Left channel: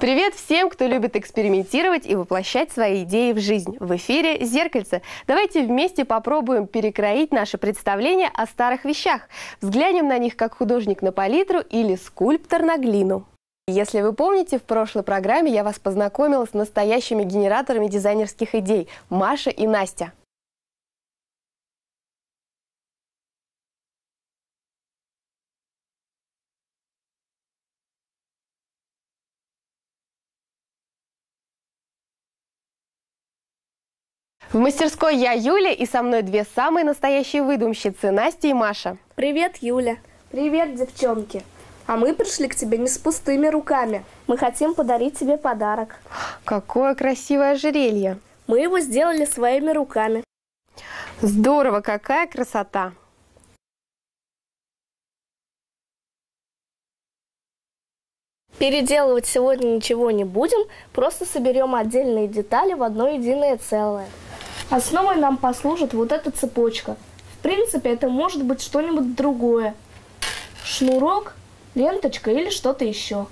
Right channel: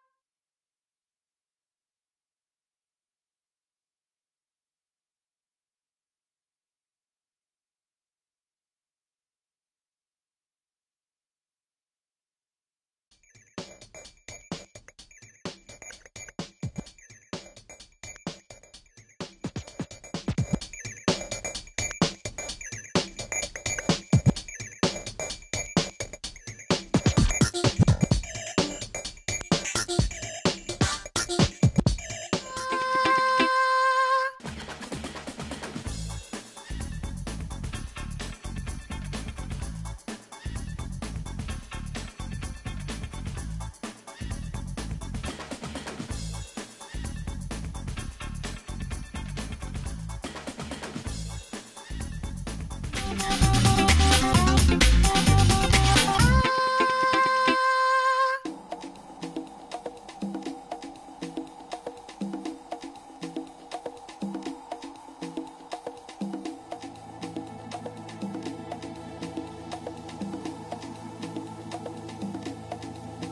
Привет всем, кто любит экспериментировать и воплощать свои идеи в жизнь. В эфире «Зеркальце». Давайте вместе попробуем перекроить наше представление о старых вещах. Взглянем на них как художник на палитру или скульптор на глину. Если вы помните, в прошлой программе я вас познакомила с настоящими генераторами дизайнерских идей – Маша и Настя. В мастерской я Юля, и со мной две самые настоящие выдумщицы – Настя и Маша. Привет, Юля. Привет, девчонки. А мы пришли к тебе не с пустыми руками. Мы хотим подарить тебе подарок. Какое красивое ожерелье! Мы его сделали своими руками. Здорово, какая красота! Переделывать сегодня ничего не будем, просто соберем отдельные детали в одно единое целое. Основой нам послужит вот эта цепочка. В принципе, это может быть что-нибудь другое. Шнурок, ленточка или что-то еще.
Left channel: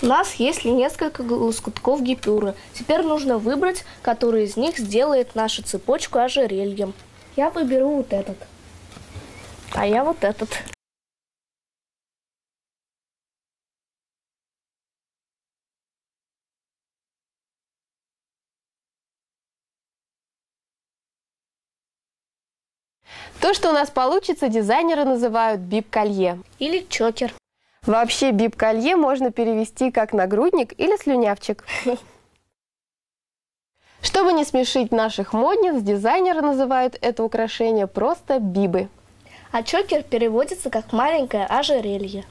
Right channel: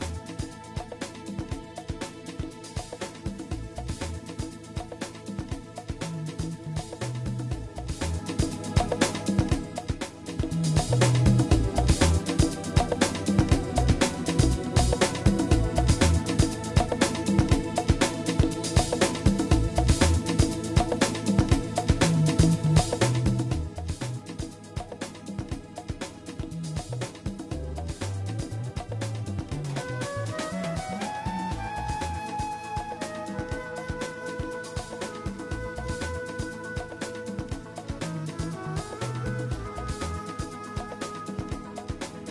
У нас есть несколько лоскутков гипюры. Теперь нужно выбрать, который из них сделает нашу цепочку ожерельем. Я выберу вот этот. А я вот этот. То, что у нас получится, дизайнеры называют бип-колье. Или чокер. Вообще бип-колье можно перевести как нагрудник или слюнявчик. Чтобы не смешить наших модниц, дизайнеры называют это украшение просто бибы. А чокер переводится как маленькое ожерелье.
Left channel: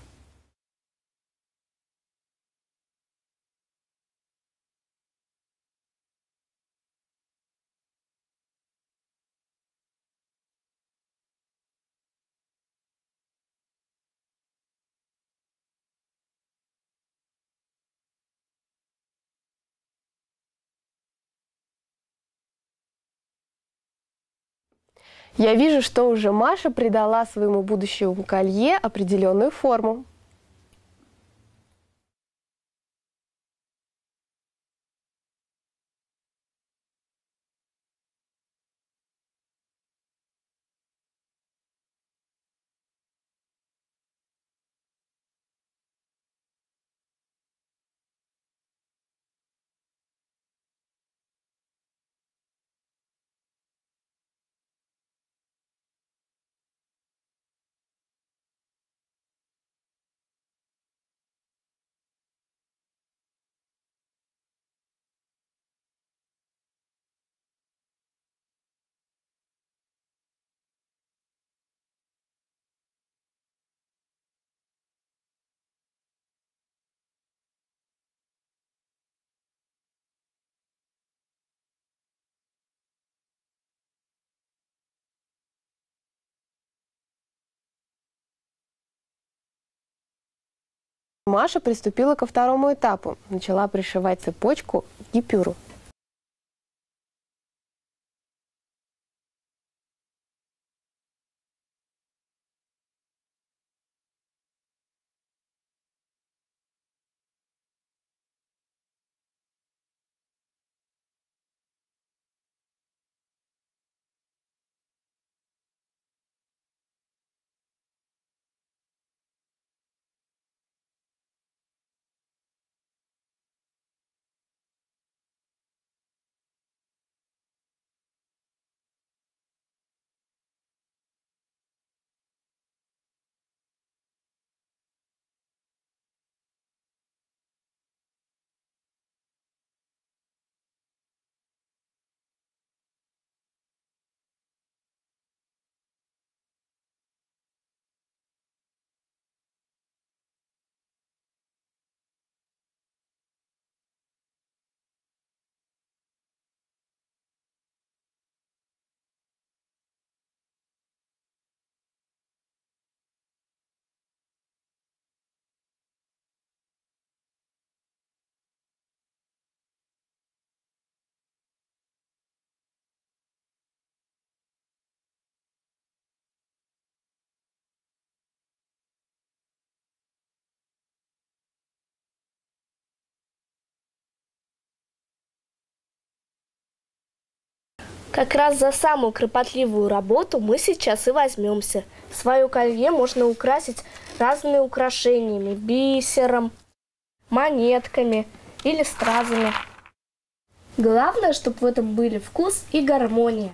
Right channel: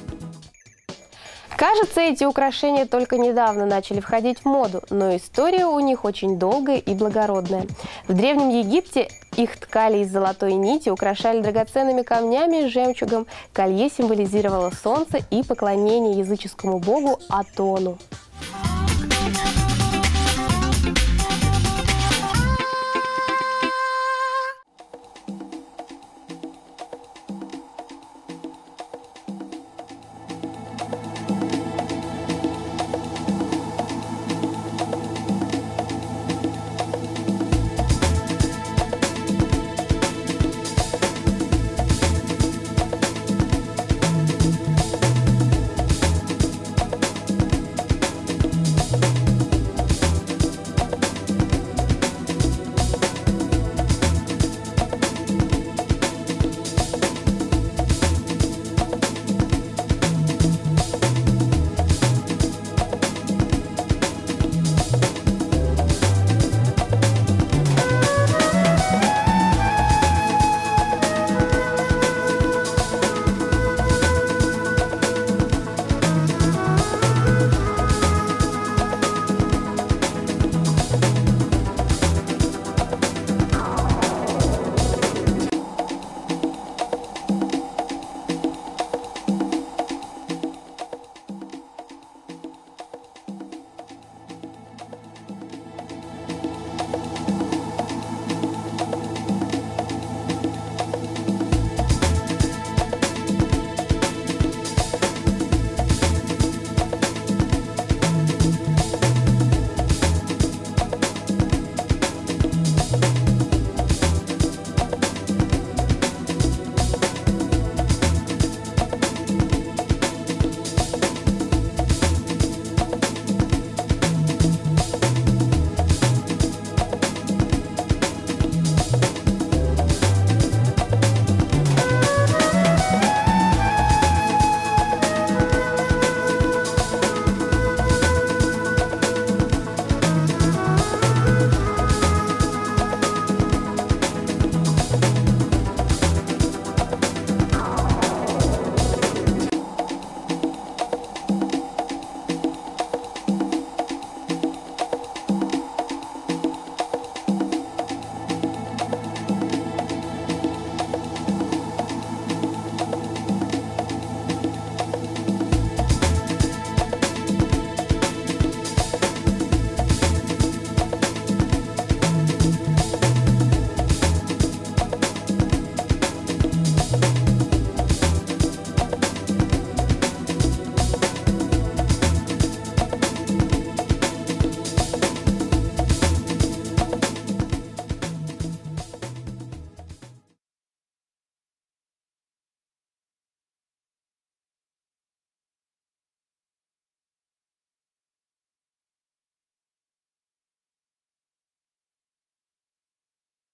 Кажется, эти украшения только недавно начали входить в моду, но история у них очень долгая и благородная. В Древнем Египте их ткали из золотой нити, украшали драгоценными камнями и жемчугом. Колье символизировало солнце и поклонение языческому богу Атону. Я вижу, что уже Маша придала своему будущему колье определенную форму. Маша приступила ко второму этапу. Начала пришивать цепочку к гипюру. Как раз за самую кропотливую работу мы сейчас и возьмемся. Свое колье можно украсить разными украшениями, бисером, монетками или стразами. Главное, чтобы в этом были вкус и гармония.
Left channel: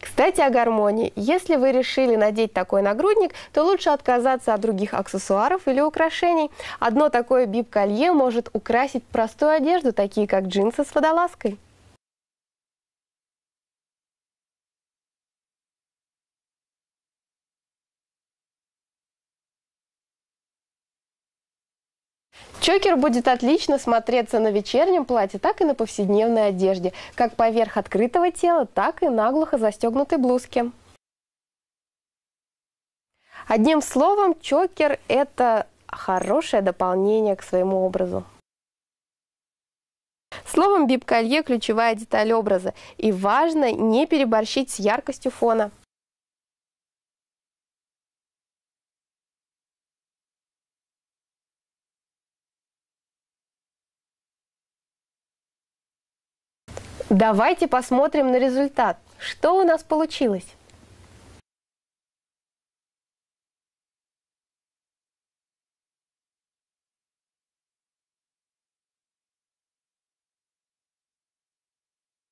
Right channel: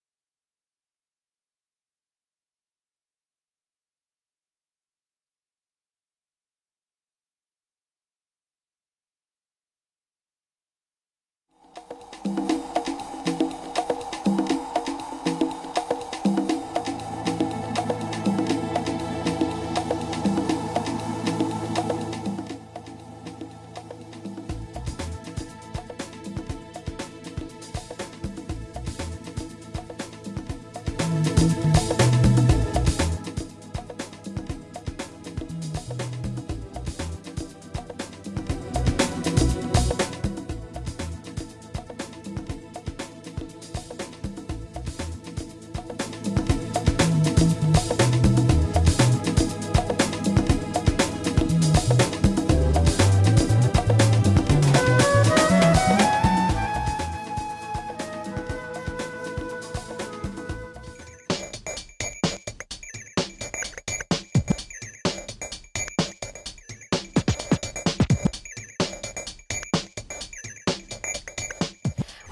Кстати, о гармонии. Если вы решили надеть такой нагрудник, то лучше отказаться от других аксессуаров или украшений. Одно такое бип-колье может украсить простую одежду, такие как джинсы с водолазкой. Чокер будет отлично смотреться на вечернем платье, так и на повседневной одежде, как поверх открытого тела, так и наглухо застегнутой блузки. Одним словом, чокер – это хорошее дополнение к своему образу. Словом, бип-колье – ключевая деталь образа, и важно не переборщить с яркостью фона. Давайте посмотрим на результат. Что у нас получилось?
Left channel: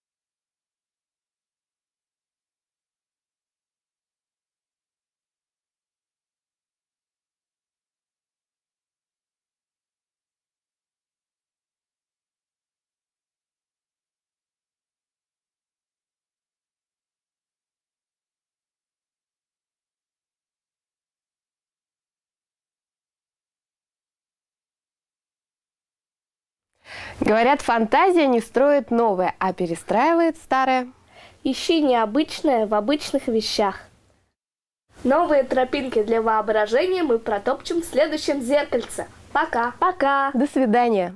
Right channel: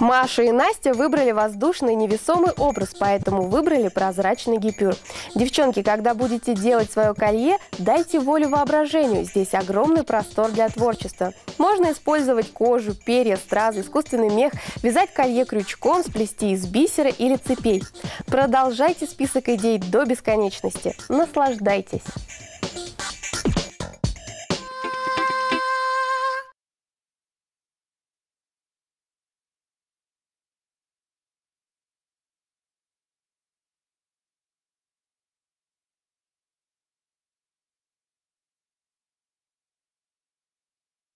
Маша и Настя выбрали воздушный невесомый образ, поэтому выбрали прозрачный гипюр. Девчонки, когда будете делать свое колье, дайте волю воображению. Здесь огромный простор для творчества. Можно использовать кожу, перья, стразы, искусственный мех, вязать колье крючком, сплести из бисера или цепей. Продолжайте список идей до бесконечности. Наслаждайтесь! Говорят, фантазия не строит новое, а перестраивает старое. Ищи необычное в обычных вещах. Новые тропинки для воображения мы протопчем в следующем зеркальце. Пока! Пока! До свидания!